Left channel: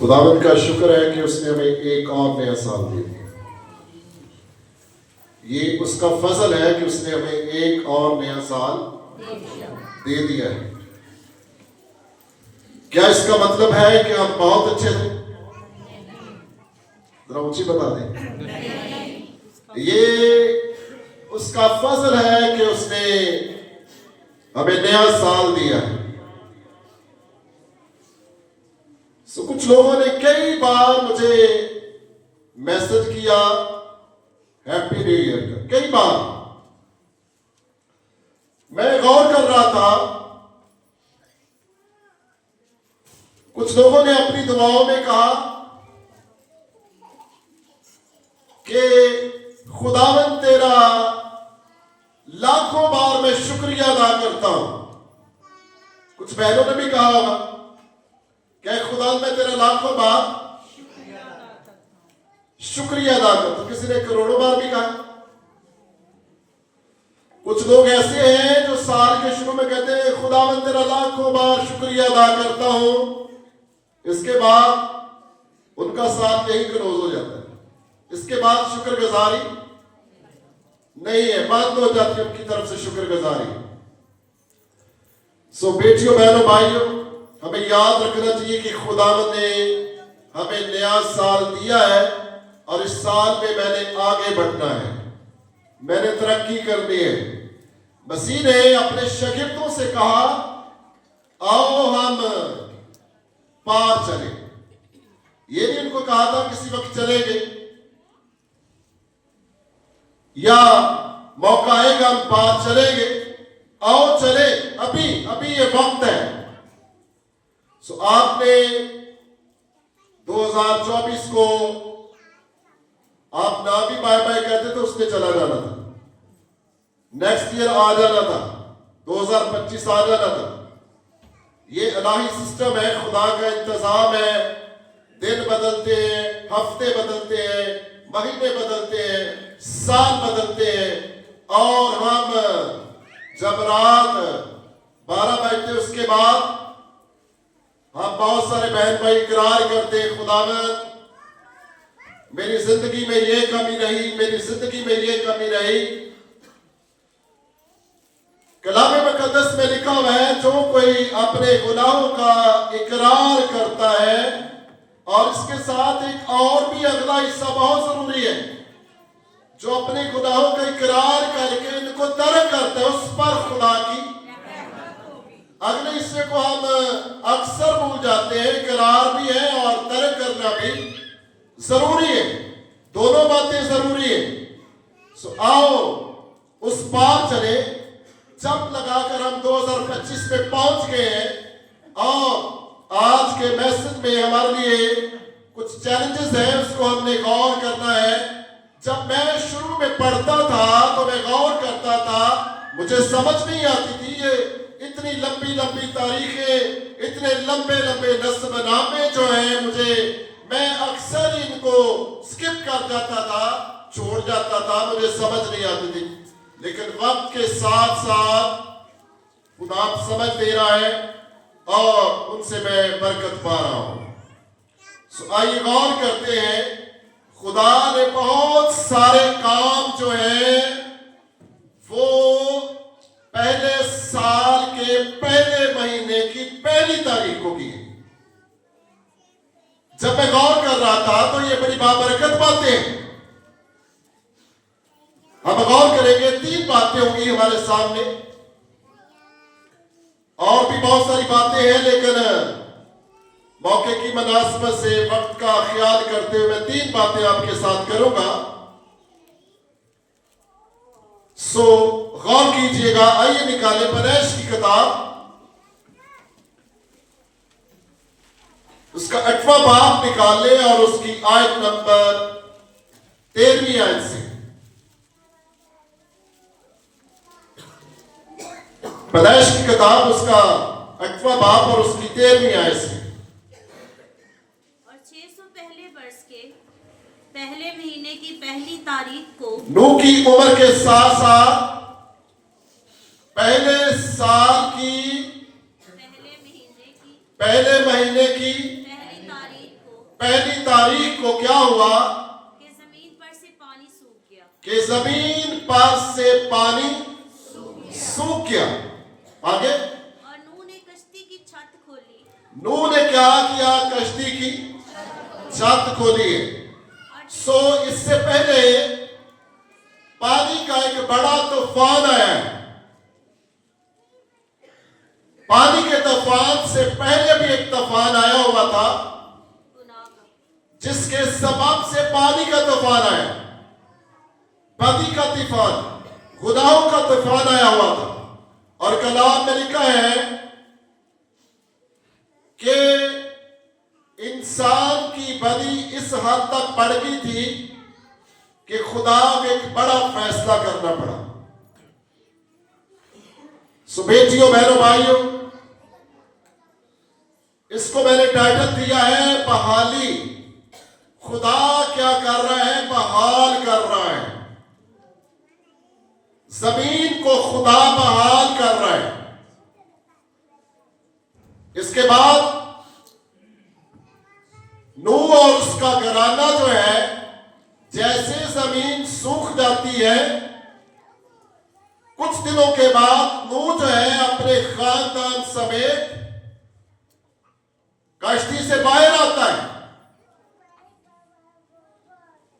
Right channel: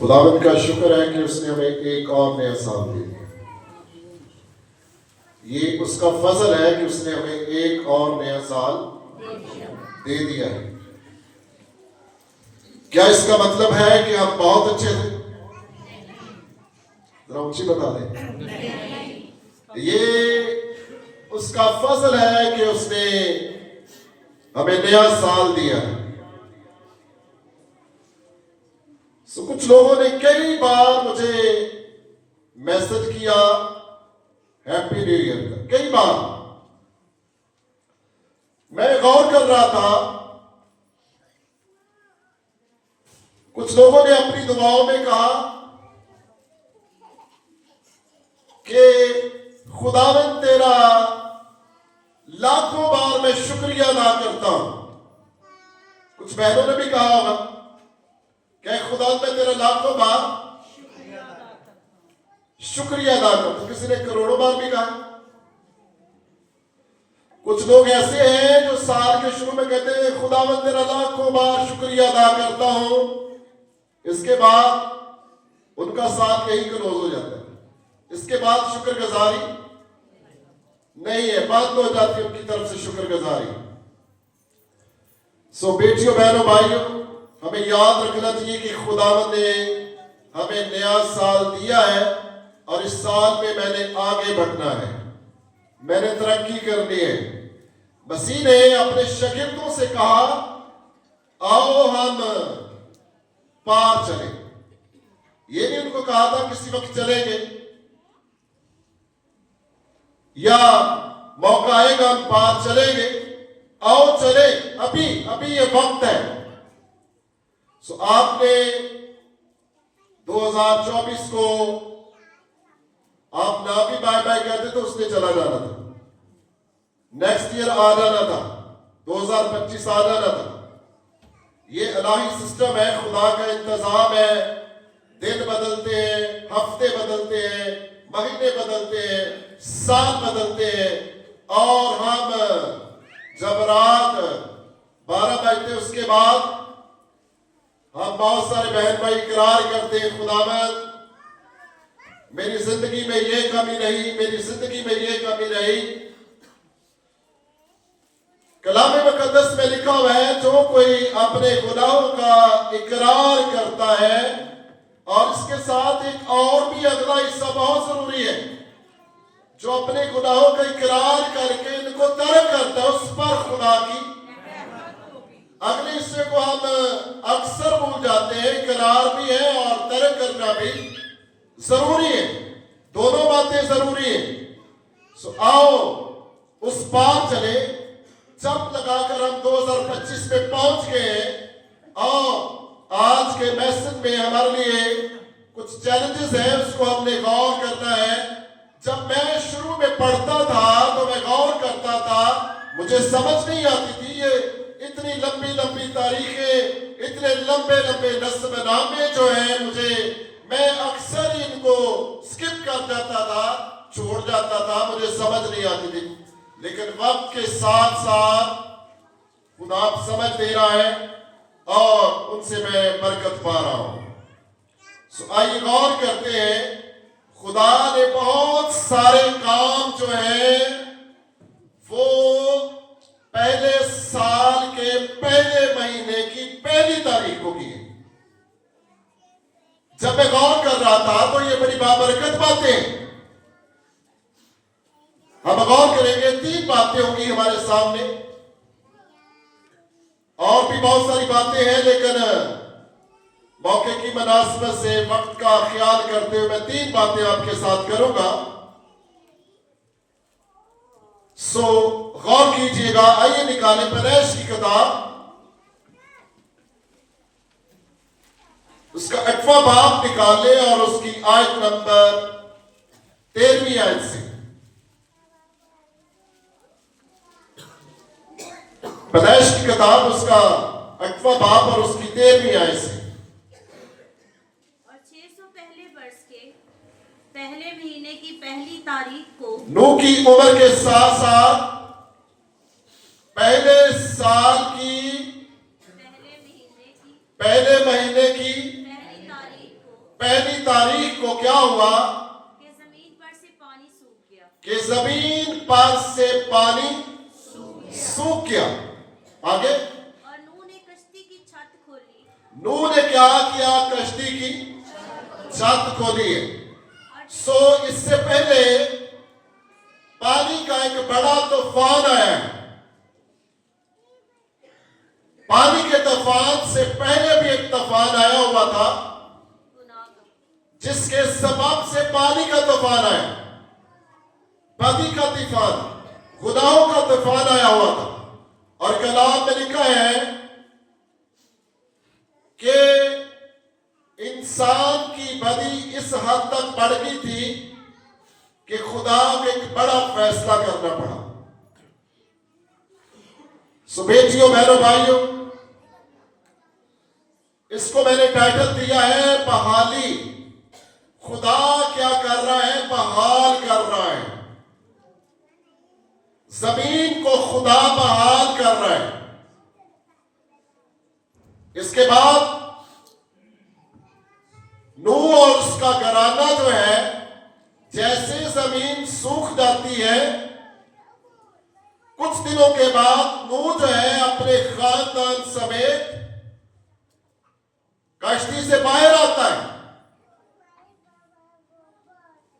خداوند کا شکر ہے کہ اس نے ہمیں ایک اور نیا سال دے دیا. یہ اس کا فضل ہے کہ اس نے ہمیں ایک اور نیا سال دے دیا ہے. کیا اس کا مطلب ہے کہ آپ بہت اچھے تھے؟ ذرا اونچی بتا دیں. یہ اس کا فضل ہے کہ اس نے ہمیں نیا سال دیا ہے. کچھ لوگوں نے کئی بار مجھے میسج کیا ہیپی نیو ایئر کا. کئی بار میں غور کر رہا تھا. کچھ لوگوں نے اپنی دعاؤں میں کہا کہ خداوند تیرا لاکھوں بار میں شکریہ ادا کرتا ہوں. کچھ بہنوں نے بھی کہا ہوگا کہ خداوند میں تیرا لاکھوں بار شکریہ ادا کرتا ہوں. کسی نے کروڑوں بار بھی کہا. کچھ لوگ ایسے ہیں جو سال کے شروع میں کہتے ہیں خداوند تیرا لاکھوں بار شکریہ ادا کرتا ہوں. اس کے بعد ان کا سال یہی کلوز ہو جاتا ہے. اس کے بعد شکر گزاری نہیں ہے. بات ہو جاتی ہے ان کی طرف سے شکر گزاری. سو بیٹیوں بہنوں بھائیوں ہمیں یاد رکھنا چاہیے کہ خداوند نے ہمیں نیا سال دیا ہے اور اس سال میں میں نے آگے بڑھنا ہے. میں نے ترقی کرنی ہے. مسیح نے اپنے شاگردوں سے کہا آؤ ہم پار چلیں. یہ نہیں ان کو کہا تھا کسی وقت چلیں گے یا موقع آئے گا ہم پار چلیں گے. آؤ چلے ابھی یہ وقت ہے. سو آپ نے 2024 کو آپ نہ بھی بائے بائے کہتے تو اس نے چلا جانا تھا. نیکسٹ ایئر آ جانا تھا. 2025 آ جانا تھا. یہ الہی سسٹم ہے. خدا کا انتظام ہے. دن بدلتے ہیں, ہفتے بدلتے ہیں, مہینے بدلتے ہیں, سال بدلتے ہیں. اور ہم جب رات 12 بجتے اس کے بعد ہم بہت سارے بہن بھائی اقرار کرتے ہیں خداوند میری زندگی میں یہ کمی رہی, میری زندگی میں یہ کمی رہی. کلام مقدس میں لکھا ہوا ہے جو کوئی اپنے گناہوں کا اقرار کرتا ہے, اور اس کے ساتھ ایک اور بھی اگلا حصہ بہت ضروری ہے, جو اپنے گناہوں کا اقرار کر کے ان کو ترک کرتا ہے اس پر خدا کی. اگلے حصے کو ہم اکثر بھول جاتے ہیں. اقرار بھی ہے اور ترک کرنا بھی ضروری ہے. دونوں باتیں ضروری ہیں. سو آؤ اس پار چلے. جب لگا کر ہم 2025 میں پہنچ گئے ہیں, اور آج کے میسج میں ہمارے لیے کچھ چیلنجز ہیں, اس کو ہم نے غور کرنا ہے. جب میں شروع میں پڑھتا تھا تو میں غور کرتا تھا, مجھے سمجھ نہیں آتی تھی یہ اتنی لمبی لمبی تاریخیں, اتنے لمبے لمبے نسب نامے جو ہیں, میں اکثر ان کو سکپ کر جاتا تھا, چھوڑ جاتا تھا, مجھے سمجھ نہیں آتی تھی. لیکن وقت کے ساتھ ساتھ خدا سمجھ دے رہا ہے اور ان سے میں برکت پا رہا ہوں. سو آئیے غور کرتے ہیں. خدا نے بہت سارے کام جو ہیں وہ پہلے سال کے پہلے مہینے کی پہلی تاریخ کو کی. جب میں غور کر رہا تھا تو یہ بڑی بابرکت باتیں ہیں. ہم غور کریں گے 3 باتیں ہوں گی ہمارے سامنے, اور بھی بہت ساری باتیں ہیں, لیکن موقع کی مناسبت سے وقت کا خیال کرتے ہوئے میں 3 باتیں آپ کے ساتھ کروں گا. سو غور کیجئے گا. آئیے نکالیں پیدائش کی کتاب, اس کا 8واں باب نکال لیں اور اس کی آیت نمبر 13ویں آیت سے. پیدائش کی کتاب اس کا 8واں باب اور اس کی 13ویں آیت سے. اور 600 پہلے برس کے پہلے مہینے کی پہلی تاریخ کو نوح کی عمر کے ساتھ ساتھ پہلے سال کی پہلے مہینے کی پہلی تاریخ کو पहली तारीख को क्या हुआ कि जमीन पर से पानी सूख गया। कि जमीन पर से पानी सूख गया। आगे और नूह ने कश्ती की छत खोली। नूह ने क्या किया? कश्ती की छत खोली है। सो इससे पहले पानी का एक बड़ा तूफान आया है। पानी के तूफान से पहले भी एक तूफान आया हुआ था गुनाह का। जिसके सबब से पानी का तूफान आया, बदी का तूफान, गुनाहों का तूफान आया हुआ था। और कलाम में लिखा है कि इंसान की बदी इस हद तक बढ़ गई थी कि खुदा को एक बड़ा फैसला करना पड़ा। सो बेटियों, बहनों, भाइयों, इसको मैंने टाइटल दिया है बहाली। खुदा क्या कर रहा है? बहाल कर रहा है। जमीन को खुदा बहाल कर रहा है। इसके बाद नूह और उसका घराना जो है, जैसे जमीन सूख जाती है, कुछ दिनों के बाद नूह जो है अपने खानदान समेत कश्ती से बाहर आता है।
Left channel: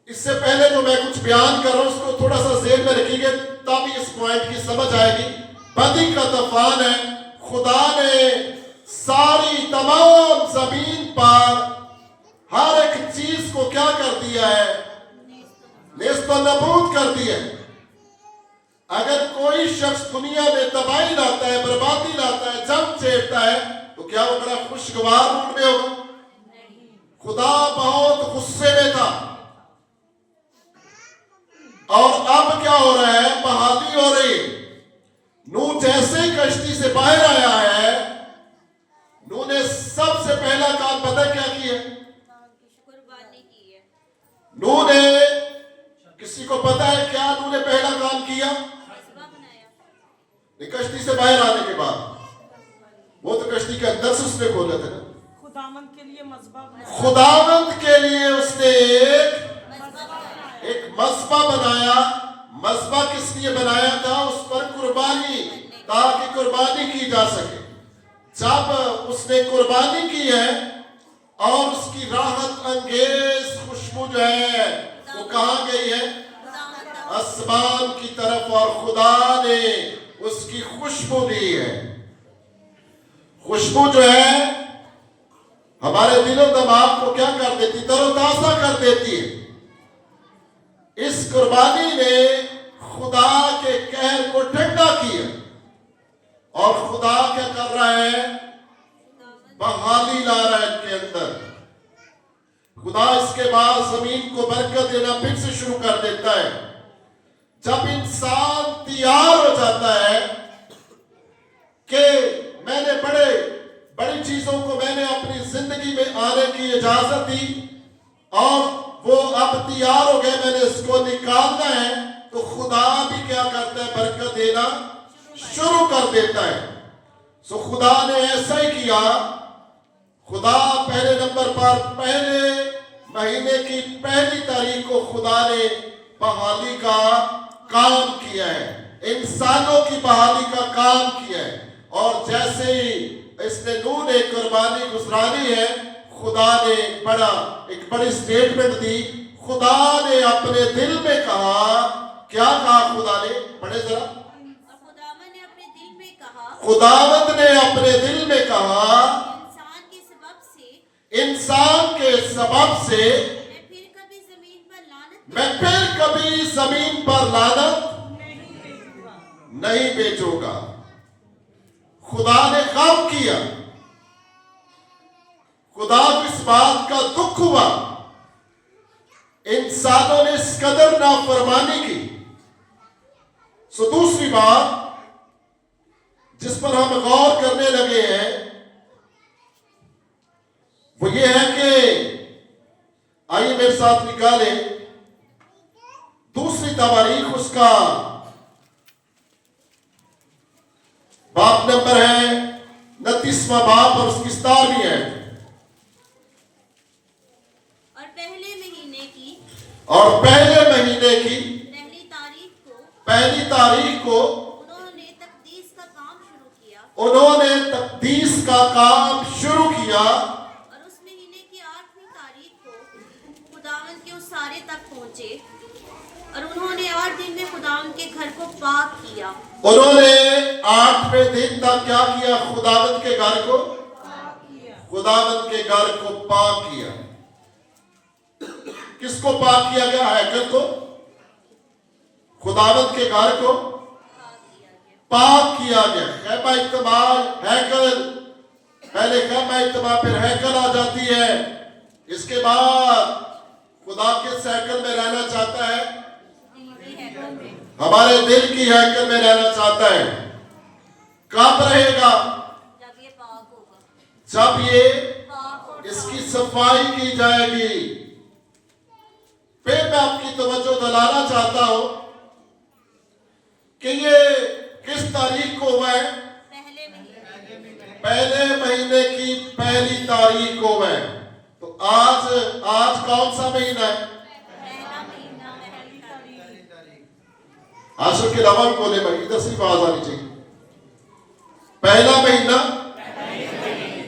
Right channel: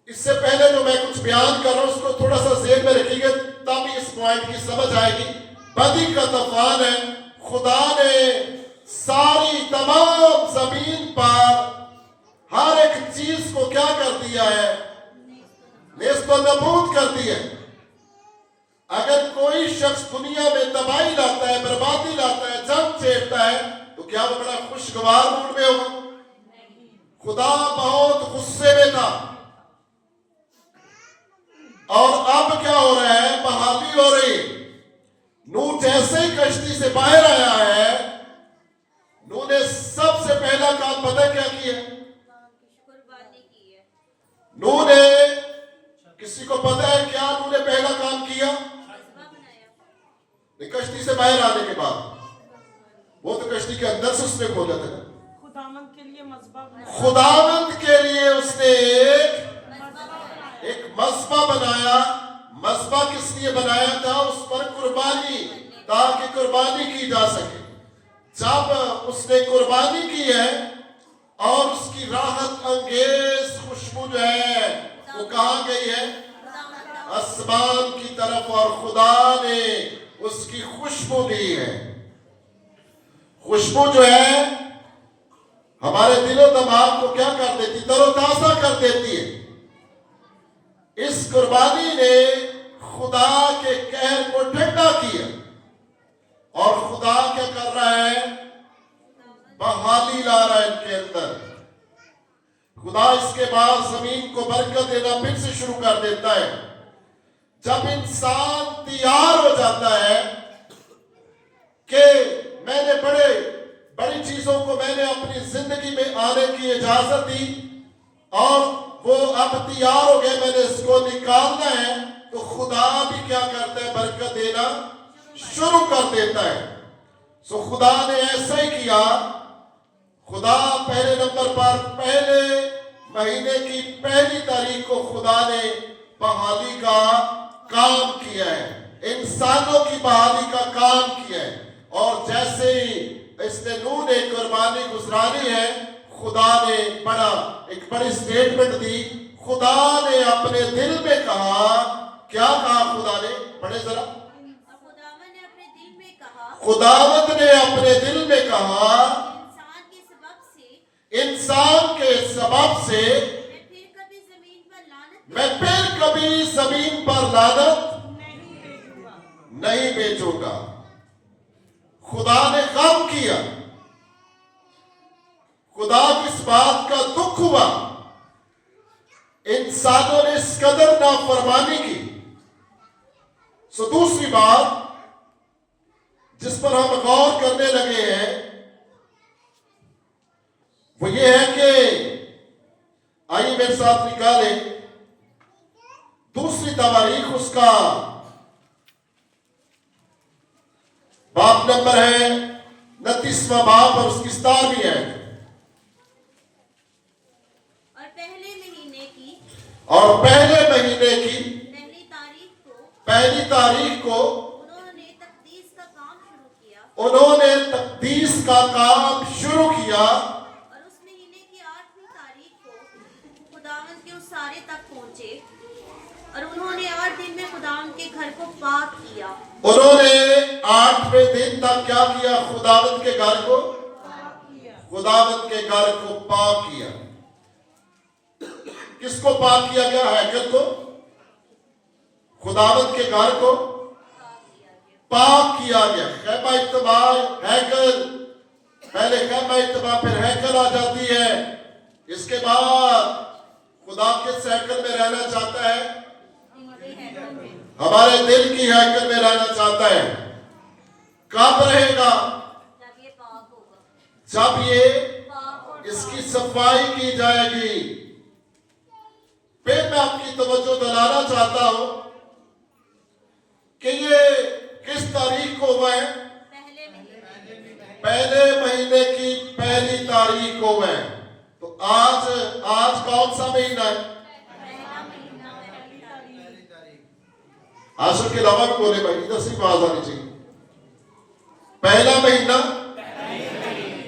इससे पहले जो मैं कुछ बयान कर रहा हूं उसको थोड़ा सा ज़हन में रखिएगा, तब इस पॉइंट की समझ आएगी। बदी का तूफान है। खुदा ने सारी तमाम जमीन पर हर एक चीज को क्या कर दिया है? नेस्तो नबूद कर दिया है। अगर कोई शख्स दुनिया में तबाही लाता है, बर्बादी लाता है, जंग छेड़ता है, तो क्या वो बड़ा खुशगवार मूड में होगा? खुदा बहुत गुस्से में था। और अब क्या हो रहा है? बहाली हो रही है। नूह जैसे ही कश्ती से बाहर आया है, नूह ने सबसे पहला काम पता क्या किया? कुर्बानी की है। नूह ने, किसी को पता है क्या नूह ने पहला काम किया? मज़बा बनाया। नहीं, कश्ती से बाहर आने के बाद। वो तो कश्ती के अंदर से उसने खोला था ना। खुदावंद के लिए मज़बा बनाया। खुदावंद के लिए उसने एक मज़बा बनाया। मज़बा किस लिए बनाया था? उस पर कुर्बानी, ताकि कुर्बानी की जा सके। जब उसने कुर्बानी की है और उसकी राहत अंगेज खुशबू जो है वो कहाँ गई है? आसमान की तरफ। और खुदा ने उसकी खुशबू दी है। खुशबू जो है हमारे दिलो दिमाग को क्या कर देती? तरोताजा कर देती है। इस कुर्बानी ने खुदा के कहर को ठंडा किया। और खुदा क्या कर रहा है? बहाली ला रहा है इनके अंदर। खुदा इसके बाद जमीन को बरकत देना फिर से शुरू कर देता है। जब इंसान तैयार हो जाता है कि मैंने बड़ी चीजों को मैंने अपनी जिंदगी में आने की इजाजत दी और वो अब तैयार हो गए, मैंने इसको निकालना है, तो खुदा भी क्या करता है? बरकत देना शुरू कर देता है। सो खुदा ने ऐसा ही किया। खुदा पहले नंबर पर पहले महीने की पहली तारीख को खुदा ने बहाली का काम किया है, इंसानों की बहाली का काम किया है। और जैसे ही इसने नूह ने कुर्बानी गुजरानी है, खुदा ने एक बड़ी स्टेटमेंट दी। खुदा ने अपने दिल में कहा, क्या कहा खुदा ने? पढ़े जरा। खुदावंद ने अपने दिल में कहा, खुदावंद ने अपने दिल में कहा, इंसान के सबब से मैं फिर कभी जमीन पर लानत नहीं बेचूंगा। खुदा ने काम किया। खुदा को इस बात का दुख हुआ इंसानों ने इस कदर नाफरमानी की। सो दूसरी बात जिस पर हम गौर करने लगे हैं वो ये है कि आइए मेरे साथ निकाले दूसरी तवारीख, उसका बाप नंबर है 29वां बाप और उसकी 17वीं है। और पहले महीने की पहली तारीख को उन्होंने तकदीस का काम शुरू किया और उस महीने की 8वीं तारीख को खुदावंद के उस सारे तक पहुंचे और उन्होंने 8 दिन में खुदावंद के घर को पाक किया। उन्होंने 8वें दिन तक क्या किया? खुदावंद के घर को पाक किया। किसको पाक किया गया? हैकल को। खुदावंद के घर को पाक किया गया। खैमा इज्तिमा, हैकल, पहले खैमा इज्तिमा फिर हैकल आ जाती है। इसके बाद खुदा किस हैकल में रहना चाहता है? हमारे दिल की हैकल में रहना चाहता है। कब रहेगा? जब ये पाक होगा, जब ये पाक और इसकी सफाई की जाएगी। फिर मैं आपकी तवज्जो दिलाना चाहता हूं कि ये किस तारीख को हुआ है? पहले महीने की पहली तारीख को हुआ है। तो आज कौन सा महीना है? आशुक के अलावा भी बोले भाई, इधर से आवाज आनी चाहिए। पहला महीना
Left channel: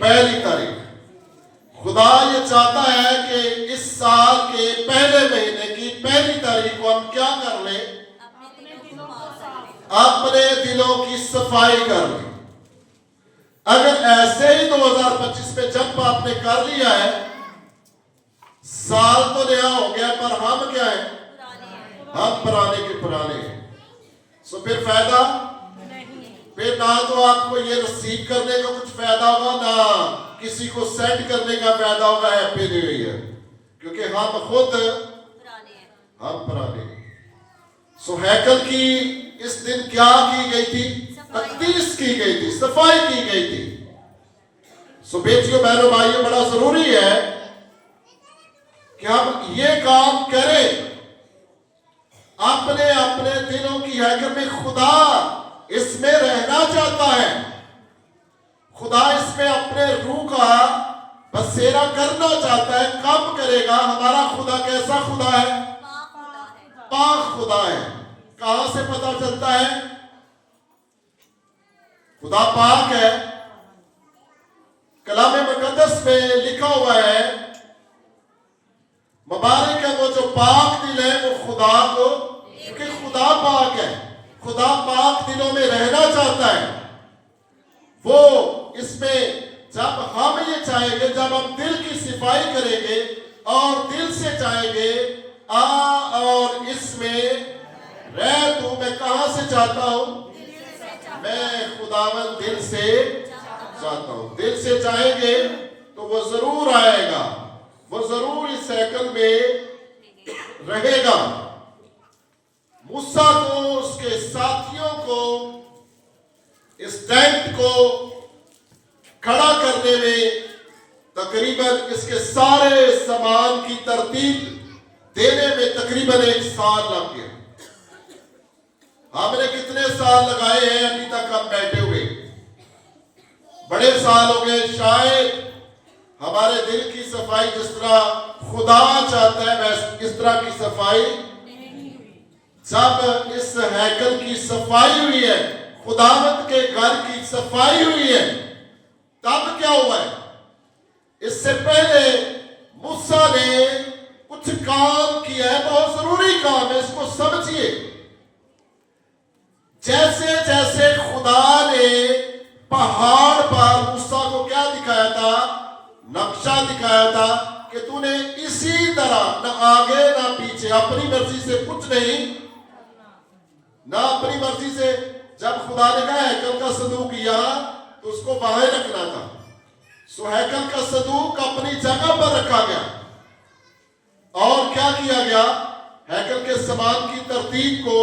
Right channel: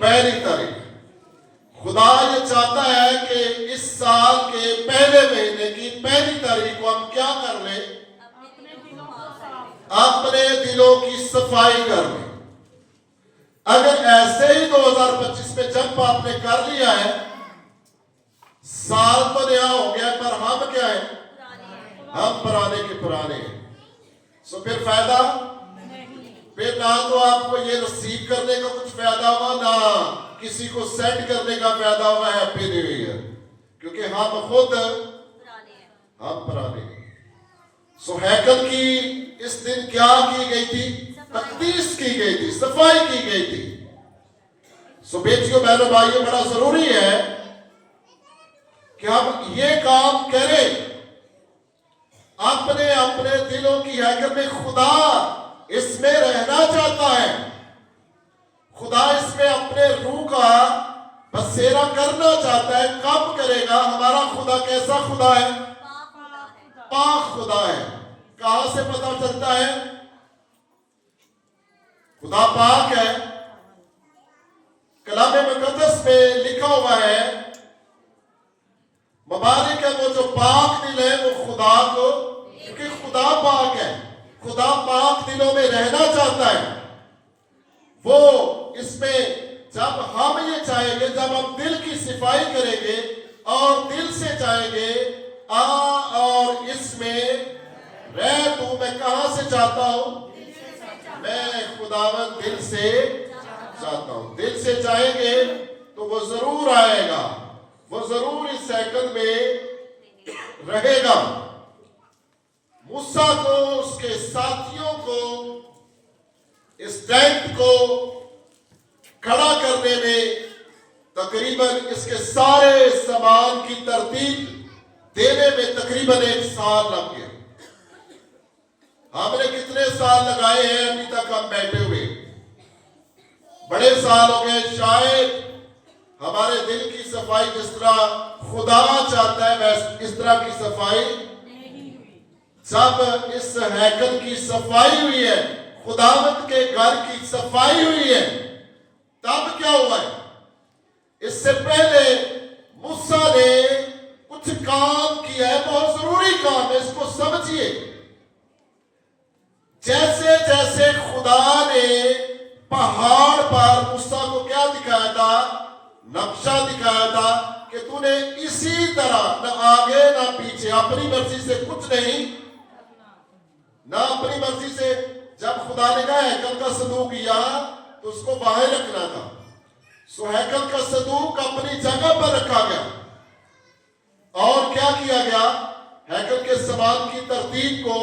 पहली तारीख। खुदा ये चाहता है कि इस साल के पहले महीने की पहली तारीख को हम क्या कर लें? अपने दिलों की सफाई कर लें। अगर ऐसे ही 2025 में जब आपने कर लिया है, साल तो नया हो गया, पर हम क्या है? हम पुराने के पुराने हैं। सो फिर फायदा फिर ना तो आपको ये रिसीव करने का कुछ फायदा होगा, ना किसी को सेंड करने का फायदा होगा हैप्पी न्यू ईयर, क्योंकि हम खुद हम पुराने हैं। सो हैकल की इस दिन क्या की गई थी? तकदीस की गई थी, सफाई की गई थी। सो बेटियों, बहनों, भाइयों, बड़ा जरूरी है कि हम ये काम करें। अपने अपने दिलों की हैकल में खुदा इसमें रहना चाहता है। खुदा इसमें अपने रूह का बसेरा करना चाहता है। कब करेगा? हमारा खुदा कैसा खुदा है? पाक खुदा है। कहां से पता चलता है खुदा पाक है? कलाम मुकद्दस में लिखा हुआ है, मुबारक है वो जो पाक दिल है वो खुदा को, क्योंकि खुदा पाक है। खुदा पाक दिलों में रहना चाहता है। वो इसमें जब हम ये चाहेंगे, जब हम दिल की सफाई करेंगे और दिल से चाहेंगे, आ और इसमें रह तू। मैं कहां से चाहता हूं? मैं खुदावन दिल से चाहता हूं। दिल से चाहेंगे तो वो जरूर आएगा, वो जरूर इस साइकिल में रहेगा। मूसा को, उसके साथियों को इस टेंट को खड़ा करने में तकरीबन इसके सारे सामान की तरतीब देने में तकरीबन 1 साल लग गया। हमने कितने साल लगाए हैं अभी तक हम बैठे हुए? बड़े साल हो गए। शायद हमारे दिल की सफाई जिस तरह खुदा चाहता है वैसे इस तरह की सफाई जब इस हैकल की सफाई हुई है, खुदावंद के घर की सफाई हुई है, तब क्या हुआ है? इससे पहले मूसा ने कुछ काम किया है, बहुत जरूरी काम है, इसको समझिए। जैसे जैसे खुदा ने पहाड़ पर मूसा को क्या दिखाया था? नक्शा दिखाया था कि तूने इसी तरह न आगे ना पीछे, अपनी मर्जी से कुछ नहीं, ना अपनी मर्जी से। जब खुदा ने कहा हैकल का संदूक यहां, तो उसको बाहर रखना था। सो हैकल का संदूक अपनी जगह पर रखा गया। और क्या किया गया? हैकल के सामान की तरतीब को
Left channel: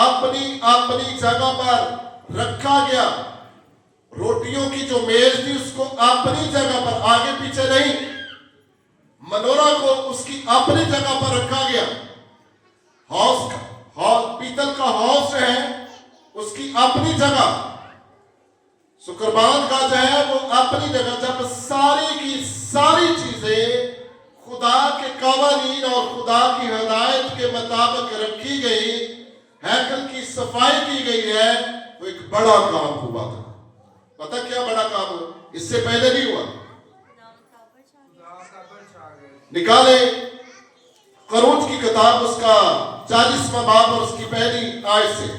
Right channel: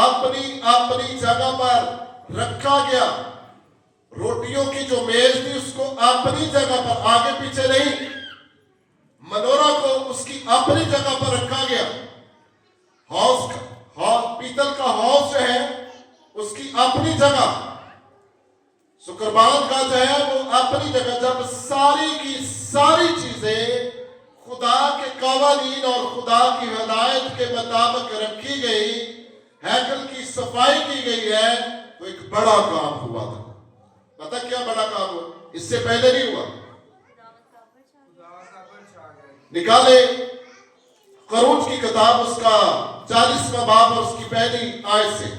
अपनी अपनी जगह पर रखा गया। रोटियों की जो मेज थी उसको अपनी जगह पर, आगे पीछे नहीं। मनोरा को उसकी अपनी जगह पर रखा गया। पीतल का हौस है उसकी अपनी जगह। कुर्बान का जो है वो अपनी जगह। जब सारी की सारी चीजें खुदा के कवर قوانین اور خدا کی ہدایت کے مطابق رکھی گئی، ہیکل کی صفائی کی گئی ہے، تو ایک بڑا کام ہوا تھا۔ پتہ کیا بڑا کام ہوا؟ اس سے پہلے نہیں ہوا۔ نکالے خروج کی کتاب اس کا 40واں باب اور اس کی پہلی آیت سے۔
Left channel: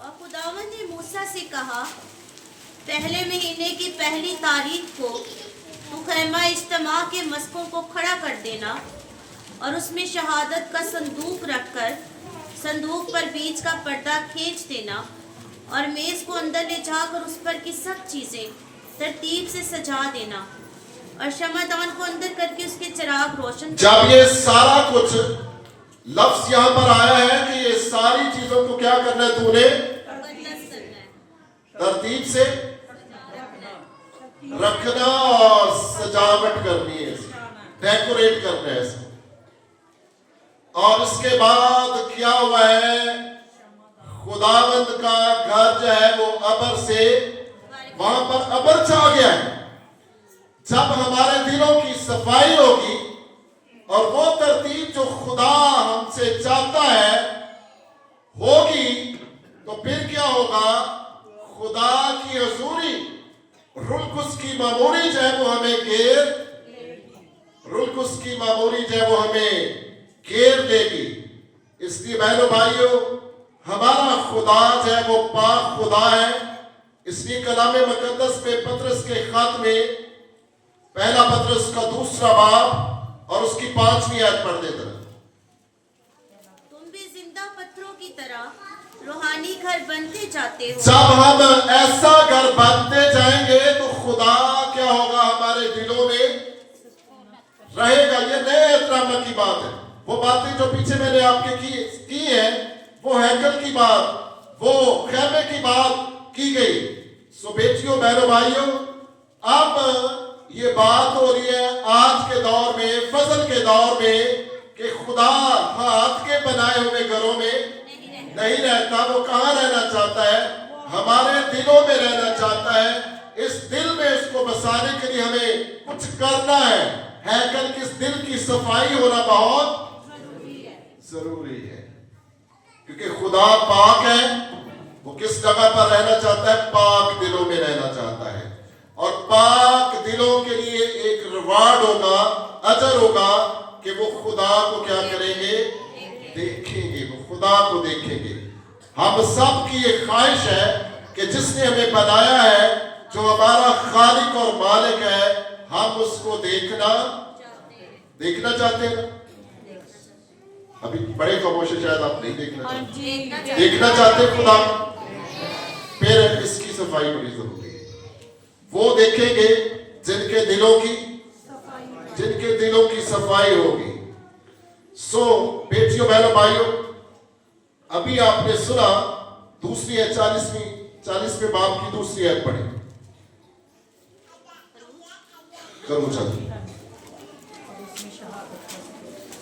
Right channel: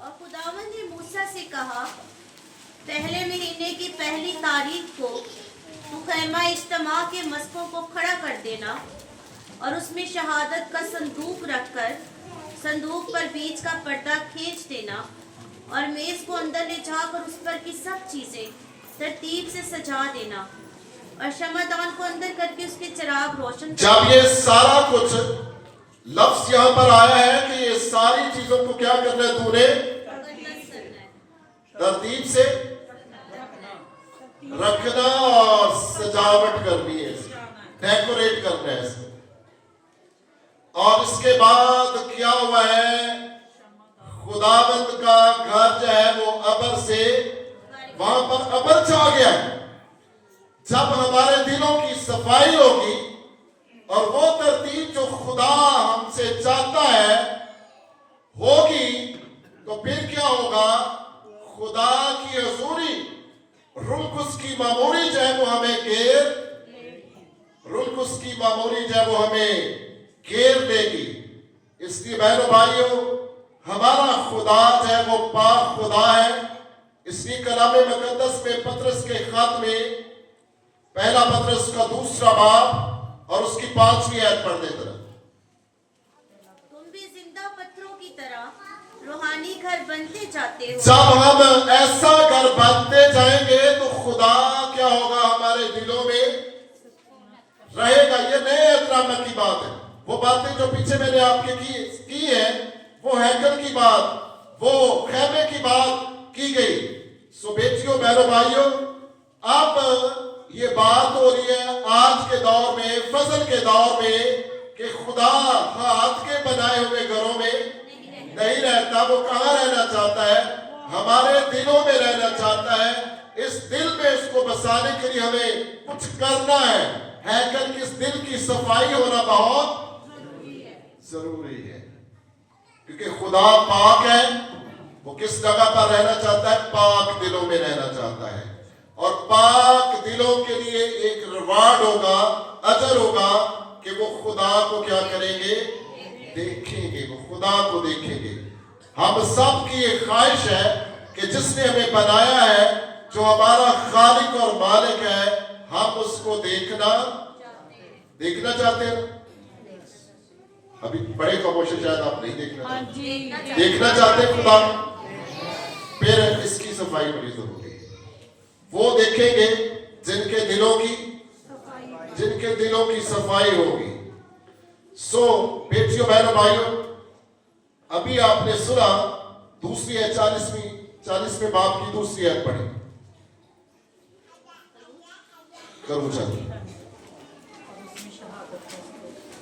اور خداوند نے موسیٰ سے کہا، پہلے مہینے کی پہلی تاریخ کو تو خیمہ اجتماع کے مسکوں کو کھڑا کر دینا اور اس میں شہادت کا صندوق رکھ کر صندوق پر بیچ کا پردہ کھینچ دینا اور میز کو اندر لے جا کر اس پر کی سب چیزیں ترتیب سے سجا دینا اور شمعدان کو اندر کر کے اس کے چراغ روشن کر جب یہ سارا کچھ لفظ یہاں پر آیا ہے کہ یہ ساری چیزوں کو کیا کرنا ہے، تو نے مقدس کرنا ہے، ترتیب سے رکھنا اور سجاوٹ کرنی ہے، ڈیکوریٹ کرنا ہے اس کو۔ اور اس کے بعد کیا ہوا ہے، خداوند کا گھر جو ہے وہ ابر سے وہاں پر ابر چھا گیا ہے۔ جب ہمارے دلوں کی صفائی ہوگی اور وہ ترتیب جو خدا ہم سے چاہتا ہے ہوگی، تو پھر کیا ہوگا، خدا کی حضوری روح القدس کی معمولی جو ہے وہ ہمیں گھیر، روح القدس کی معمولی جو ہے وہ ہمیں گھیر دے گی۔ اس لیے بہنوں بھائیوں، ہمارا خدا جو ہے وہ پاک خدا ہے۔ اس لیے کلام مقدس میں پطرس کے خط میں پہلا پطرس کا 2 باب اور اس کی 5ویں آیت پڑھ دیتا ہے۔ تم بھی زندہ پتھروں کی طرح روحانی گھر بنتے جاتے ہو۔ جب ہم ایسا گھر بنتے جائیں گے تو خدا کیا ہوگا، ہمارے دلوں میں رہے گا۔ یہ نئے احترام کی بات ہے۔ وہ باتیں جو پیچھے میں نے آپ کے کی ہیں، وہ ہیکل کی بات، وہ خیمے کی بات کی گئی۔ سو بیٹیوں، بہنوں، بھائیوں، اب یہ بات ہو رہی ہے آج کے دور میں، فضل کے دور میں، کہ خدا ہاتھ کے بنائے ہوئے گھروں میں نہیں رہتا۔ وہ کہاں رہنا چاہتا ہے؟ ہمارے دلوں میں رہنا چاہتا ہے۔ اس دل میں اس کو بسانے کے لیے ہمیں کچھ کرنا ہے۔ ہیکل کس دل کی صفائی ہونا بہت ضروری ہے، کیونکہ خدا پاک ہے۔ وہ کس جگہ پر رہنا چاہتا ہے؟ پاک دلوں میں رہنا چاہتا ہے۔ اور پاک دلوں کے لیے ایک ریوارڈ ہوگا، اجر ہوگا، کہ وہ خدا کو کیا کریں گے؟ دیکھیں گے، وہ خدا کو دیکھیں گے۔ ہم سب کی یہ خواہش ہے کہ جس نے ہمیں بنایا ہے، جو ہمارا خالق اور مالک ہے، ہم اس کو دیکھنا چاہتے ہیں۔ ابھی بڑے خاموش ہے، شاید آپ نہیں دیکھنا چاہتے ہیں خدا کو۔ پھر اس کی صفائی بڑی ضروری ہے۔ وہ دیکھیں گے جن کے دلوں کی صفائی ہوگی۔ سو بیٹیوں، بہنوں، بھائیوں، ابھی آپ نے سنا دوسری ہے 40ویں باب کی دوسری آیت پڑھی۔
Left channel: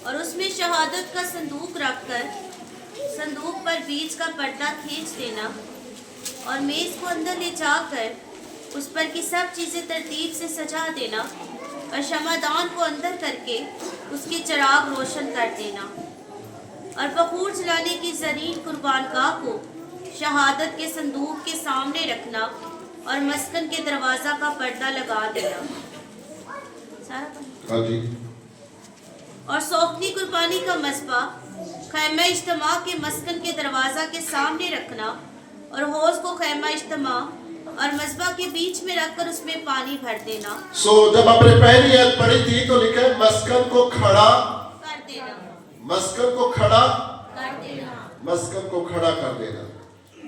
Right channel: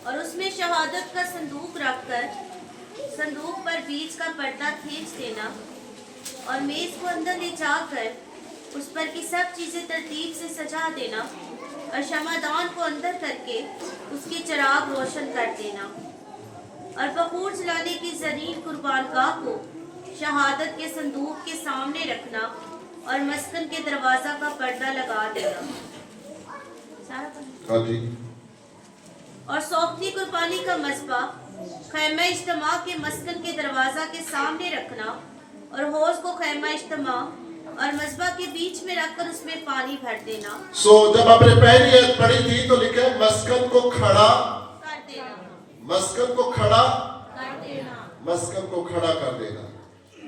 اور اس میں شہادت کا صندوق رکھ کر صندوق پر بیچ کا پردہ کھینچ دینا اور میز کو اندر لے جا کر اس پر کی سب چیزیں ترتیب سے سجا دینا اور شمعدان کو اندر کر کے اس کے چراغ روشن کر دینا اور بخور جلانے کی زرین قربان گاہ کو شہادت کے صندوق کے سامنے رکھنا اور مسکن کے دروازہ کا پردہ لگا دینا۔ اور سوکھتی قربانی کا مذبح خیمہ اجتماع کے مسکن کے دروازہ کے سامنے رکھنا اور حوض کو خیمہ اجتماع اور مذبح کے بیچ میں رکھ کر اس میں پانی بھر دینا۔ جب آپ نے پہلی آیت پڑھی تھی تو لکھا ہے مسکن کو کھڑا کر دینا، مسکن کو کھڑا کر دینا، مسکن کو کھڑا کر دینا۔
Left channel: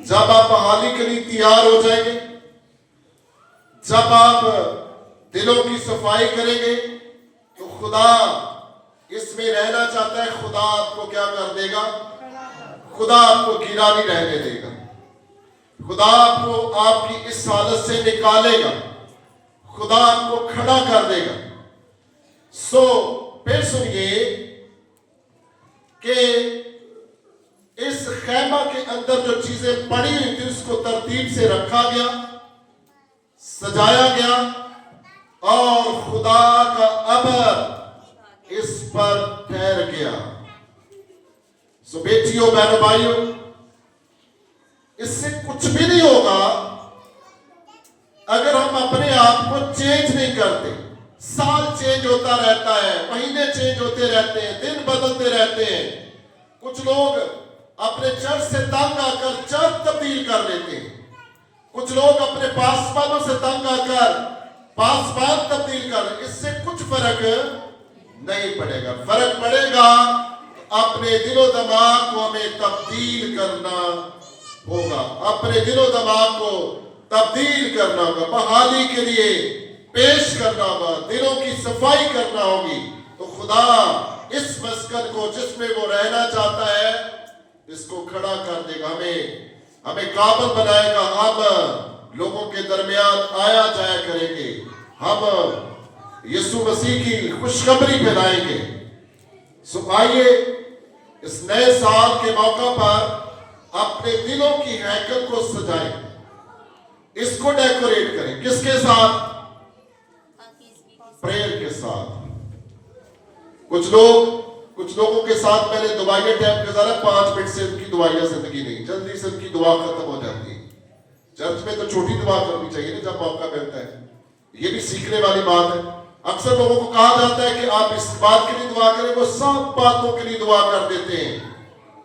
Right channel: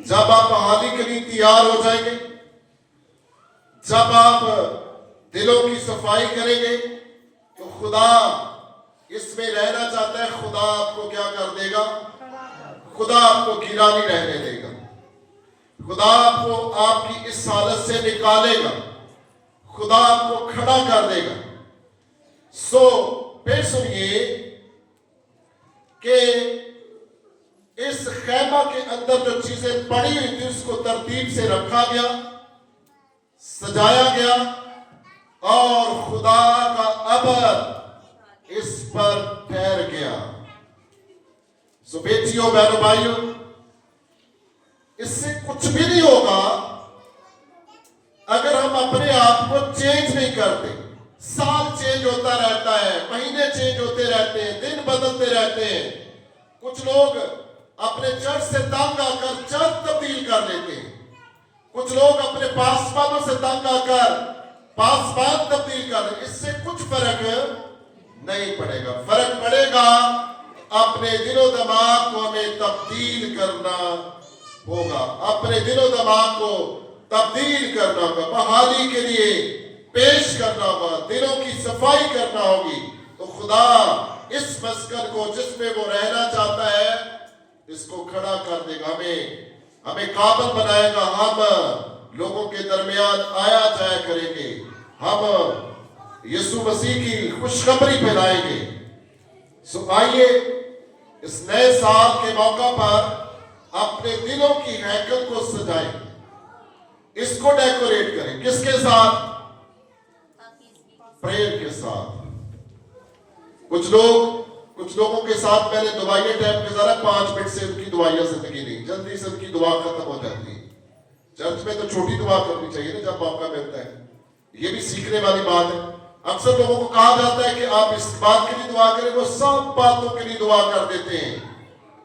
جب آپ بحالی کے لیے تیار ہو جائیں گے، جب آپ دلوں کی صفائی کریں گے، تو خدا اس میں رہنا چاہتا ہے۔ خدا آپ کو کیا کر دے گا؟ خدا آپ کو گرا نہیں رہنے دے گا۔ خدا آپ کو آپ کی اس حالت سے نکالے گا۔ خدا آپ کو کھڑا کر دے گا۔ پھر سنیے کہ اس خیمہ کے اندر جو چیزیں پڑی ہوئی تھی اس کو ترتیب سے رکھا گیا، سجایا گیا، اور خدا کا सबर इस पर ठहर गया। सो बेटियों बहनों भाइयों, इससे कुछ भी नहीं होगा अगर हम अपने आप को चेंज नहीं करते। साल चेंज होता रहता है, महीने चेंज होते रहते हैं, दिन बदलते रहते हैं। कुछ लोग अपने चर्च से तंग आकर चर्च तब्दील कर लेते हैं, कुछ लोग अपने पासवानों से तंग आकर पासवान तब्दील कर लेते हैं। इससे कुछ फर्क नहीं पड़ेगा। फर्क पड़ेगा अपने दिलो दिमाग को हमें तब्दील करना होगा, अपने दिलो दिमाग को तब्दील करना होगा, बहाली के लिए पेश करना होगा, दिलों की सफाई करना होगी। तो खुदा इस मस्कन को जिसमें वो रहना चाहता है इसको खड़ा कर देगा, हमें काबिल बनाएगा। हम लोगों के दरमियान आया जाया करेंगे, हम यीशु मसीह की खुशखबरी फैलाएंगे। सो आइए इस नए साल के मौका पर अपने दिलों की हैकल को सजाएं, इसको डेकोरेट करें। किसके साथ? प्रेयर के साथ। कुछ लोगों के साथ मैंने दवाइयां टाइम गुजारा, 5 मिनट से उनकी दवाइयां जिंदगी नहीं, जल्दी से उनकी दुआ खत्म हो जाती है। चर्च में तो छोटी दुआ करनी चाहिए ना जब मौका मिलता है, ये भी सीखने वाली बात है। अक्सर लोगों को कहा जाता है कि आप इस बात के लिए दुआ करें, वो सब बातों के लिए दुआ कर देते हैं।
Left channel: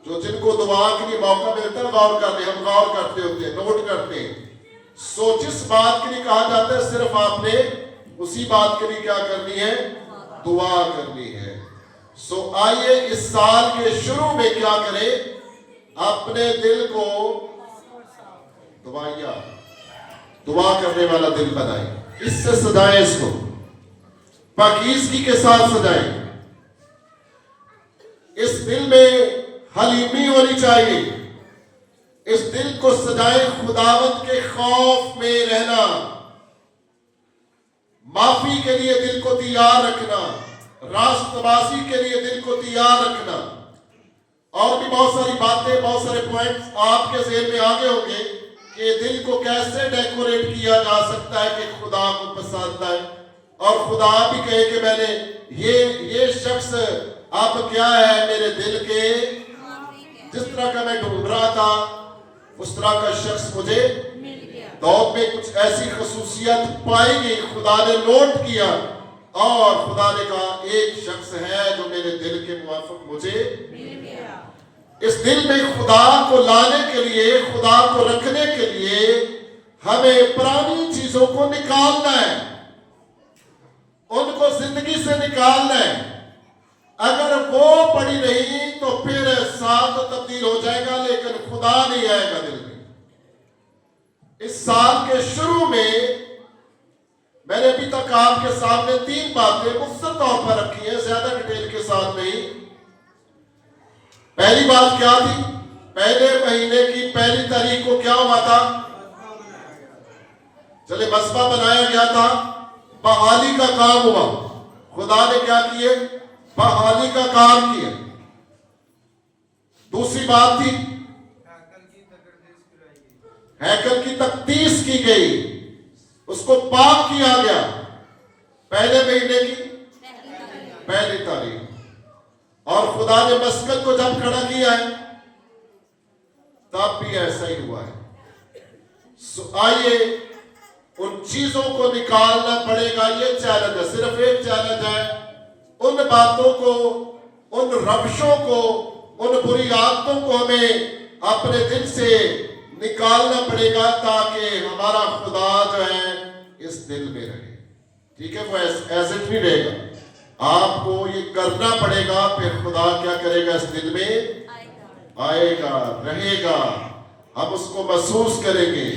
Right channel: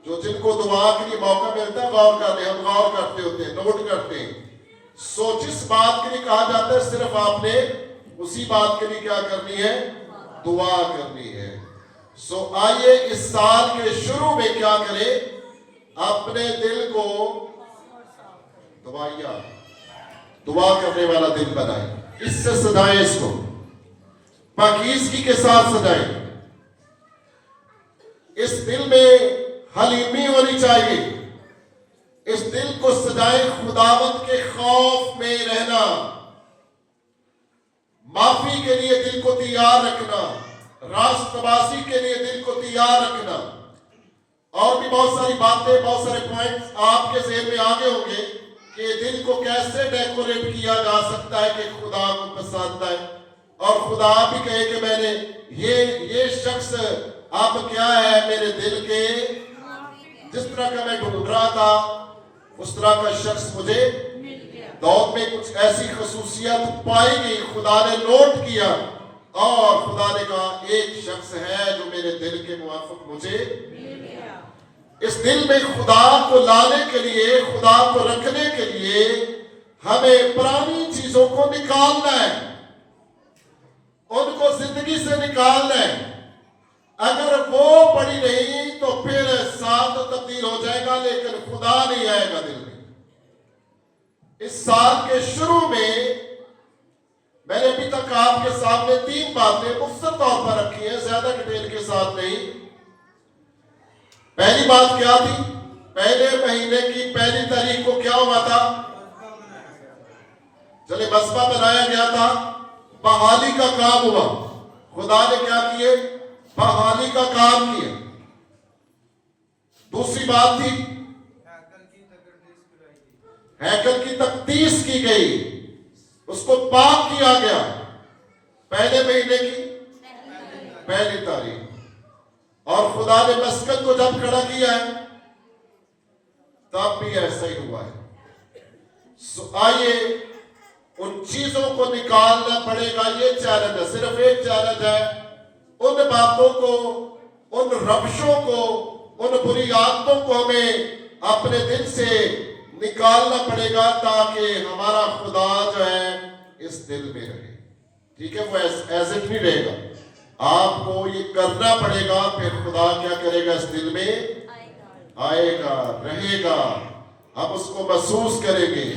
जो जिनको दुआ के लिए मौका मिलता है गौर कर ले, हम गौर करते होते हैं, नोट करते हैं। सो जिस बात के लिए कहा जाता है सिर्फ आपने उसी बात के लिए क्या करनी है? दुआ करनी है। सो आइए इस साल के शुरू में क्या करें? अपने दिल को दुआ करने वाला दिल बनाएं, इससे सजाएं, इसको पाकीज़गी के साथ सजाएं। इस दिल में हलीमी होनी चाहिए, इस दिल को सजाएं खुदावंद के खौफ में रहना, माफी के लिए दिल को तैयार रखना, रास्तबाजी के लिए दिल को तैयार रखना। और भी बहुत सारी बातें, बहुत सारे पॉइंट्स आपके ज़हन में आगे होंगे कि दिल को कैसे डेकोरेट किया जा सकता है कि खुदा को पसंद आए और खुदा भी कहे कि मैंने ये शख्स अब क्या है मेरे दिल के, जिस तरह का मैं ढूंढ रहा था उस तरह का शख्स मुझे दौड़ में कुछ ऐसी खसूसियत पाई गई, खुदा ने नोट किया और खुदा ने कहा एक शख्स है जो मेरे दिल के मुवाफिक मुझे। इस दिल में खुदा को लाने के लिए, खुदा को रखने के लिए हमें पुरानी चीजों को निकालना है, उनको जिंदगी से निकालना है। अगर वो पड़ी नहीं तो फिर साल तो तब्दील हो जाएगा लेकिन खुदा नहीं आएगा दिल में। इस साल के शुरू में मैंने अभी तक आपके सामने 3 बातें मुख्तसर तौर पर रखी हैं, ज्यादा डिटेल के साथ नहीं। पहली बात क्या थी? पहले महीने की पहली तारीख को क्या हुआ था? चले मसबा बनाया गया था, बहाली का काम हुआ। खुदा ने क्या किए? बहाली का काम किया। दूसरी बात थी हैकल की तकदीस की गई, उसको पाक किया गया पहले महीने की पहली तारीख। और खुदा ने मस्कत को जब खड़ा किया है तब भी ऐसा ही हुआ है। आइए उन चीजों को निकालना पड़ेगा, ये चैलेंज है, सिर्फ एक चैलेंज है। उन बातों को, उन रविशों को, उन बुरी आदतों को हमें अपने दिल से निकालना पड़ेगा ताकि हमारा खुदा जो है इस दिल में रहे। ठीक है, वो एज इट नहीं रहेगा, आपको ये करना पड़ेगा, फिर खुदा क्या करेगा? इस दिल में आएगा, रहेगा, हम उसको महसूस करेंगे,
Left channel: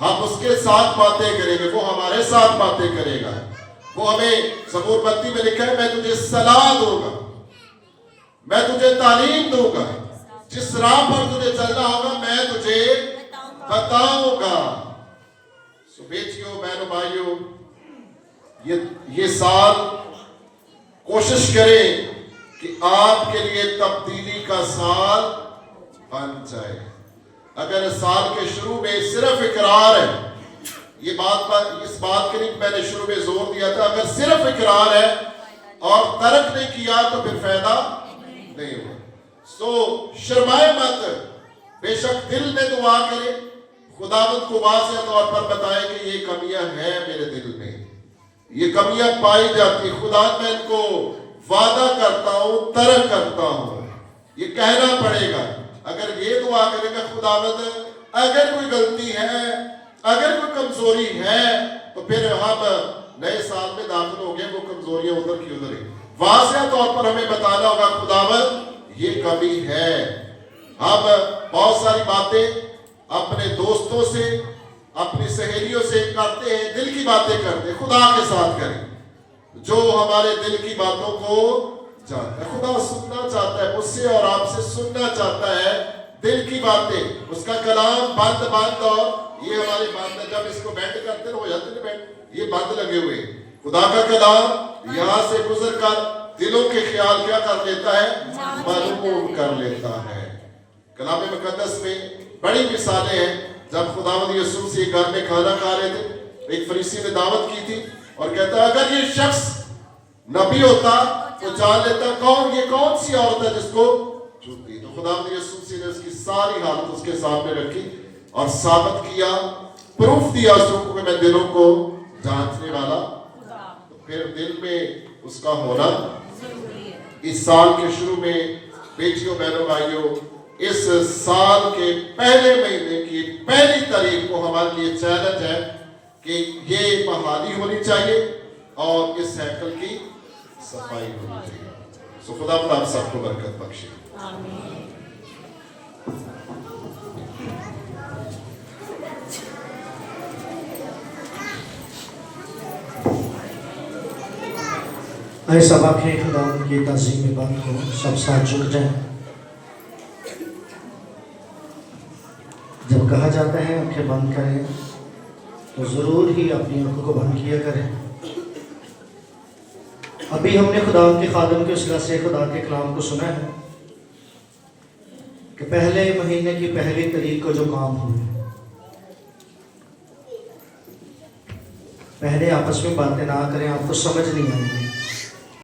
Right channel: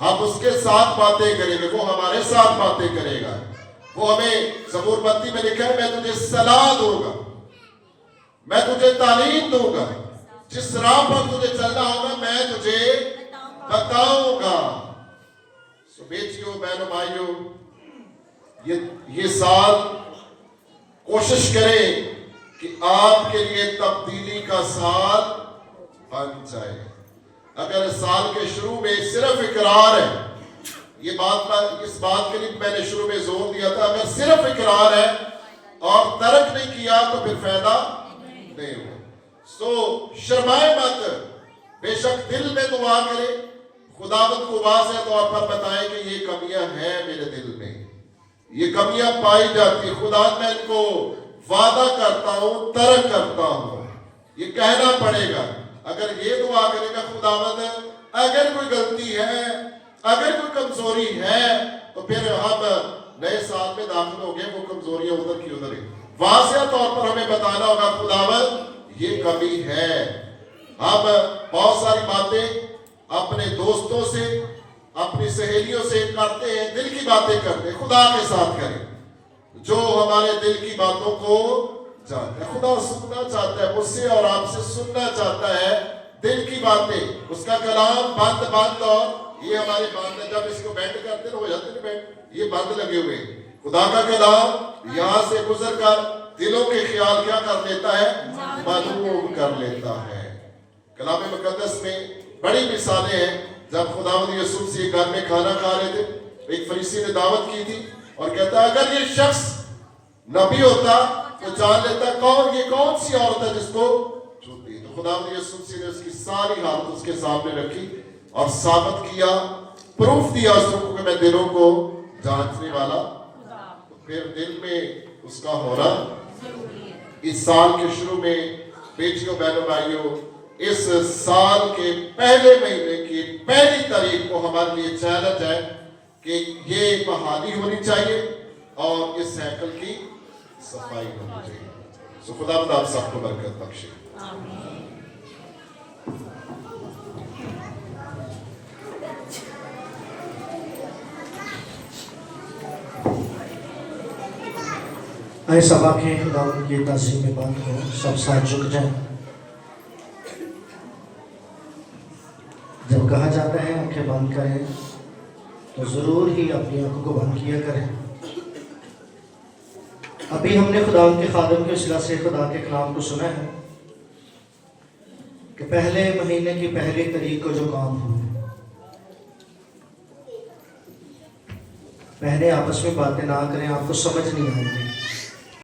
हम उसके साथ बातें करेंगे, वो हमारे साथ बातें करेगा। वो हमें ज़बूर 32 में लिखा है, मैं तुझे सलाह दूंगा, मैं तुझे तालीम दूंगा, जिस राह पर तुझे चलना होगा मैं तुझे बताऊंगा। सो बेटियों, बहनों, भाइयों, ये साल कोशिश करें कि आपके लिए तब्दीली का साल बन जाए। अगर साल के शुरू में सिर्फ इकरार है, इस बात के लिए मैंने शुरू में जोर दिया था, अगर सिर्फ इकरार है اور ترک نہیں کیا تو پھر فائدہ نہیں ہوا. سو شرمائے مت, بے شک دل میں دعا کرے, خداوند کو واضح طور پر بتائے کہ یہ کمیاں ہیں میرے دل میں, یہ کمیاں پائی جاتی, خدا میں ان کو وعدہ کرتا ہوں, ترک کرتا ہوں. یہ کہنا پڑے گا. اگر یہ دعا کرے گا خداوند اگر کوئی غلطی ہے, اگر کوئی کمزوری ہے, تو پھر ہم نئے سال میں داخل ہو گئے, وہ کمزوریاں ادھر کی ادھر ہی. واضح طور پر ہمیں بتانا ہوگا خداوند یہ کمی ہے. ہم بہت ساری باتیں اپنے دوستوں سے, اپنی سہیلیوں سے کرتے ہیں, دل کی باتیں کرتے ہیں. خدا کے ساتھ کریں جو ہمارے دل کی باتوں کو جانتا ہے. خدا سننا چاہتا ہے مجھ سے اور آپ سے, سننا چاہتا ہے دل کی باتیں. اس کا کلام بند بند, اور یہ ہمارے بند ہے, جب اس کو بینڈ کرتے ہیں ہو جاتے ہیں بینڈ, یہ بند لگے ہوئے. خدا کا کلام یہاں سے گزر کر دلوں کے خیال کیا کر لیتا ہے, معلوم کر لیتا ہے. کلام مقدس میں بڑی مثالیں ہیں. جب خداوند یسوع سے گھر میں کھانا کھا رہے تھے, ایک فریسی نے دعوت کی تھی اور کہتا اگر یہ شخص نبی ہوتا تو جان لیتا کون, یہ کون سی عورت ہے جس کو چھوتی. تو خداوند یسوع نے اس کی ساری حالت اس کے سامنے رکھی اور ثابت کیا, پروف دیا اس کو کہ میں دلوں کو جانچنے والا. تو پھر دل میں اس کا ہونا اس سال کے شروع میں, بیٹیوں بہنوں بھائیوں, اس سال کے پہلے مہینے کی پہلی تاریخ کو ہمارے لیے چیلنج ہے کہ یہ بحالی ہونی چاہیے اور اس ہیکل کی صفائی ہونی چاہیے. سو خدا آپ سب کو برکت بخشے. آئے سب آنکھیں خداوند کی تعظیم میں بند ہو, سب ساتھ جڑ جائیں. جب کہا جاتا ہے آنکھیں بند کریں تو ضرور ہی اپنی آنکھوں کو بند کیا کریں. ابھی ہم نے خداوند کے خادم کے صلہ سے خدا کے کلام کو سنا ہے کہ پہلے مہینے کی پہلی تاریخ کو جو کام ہوئے, پہلے آپس میں باتیں نہ کریں, آپ کو سمجھ نہیں آئے گی.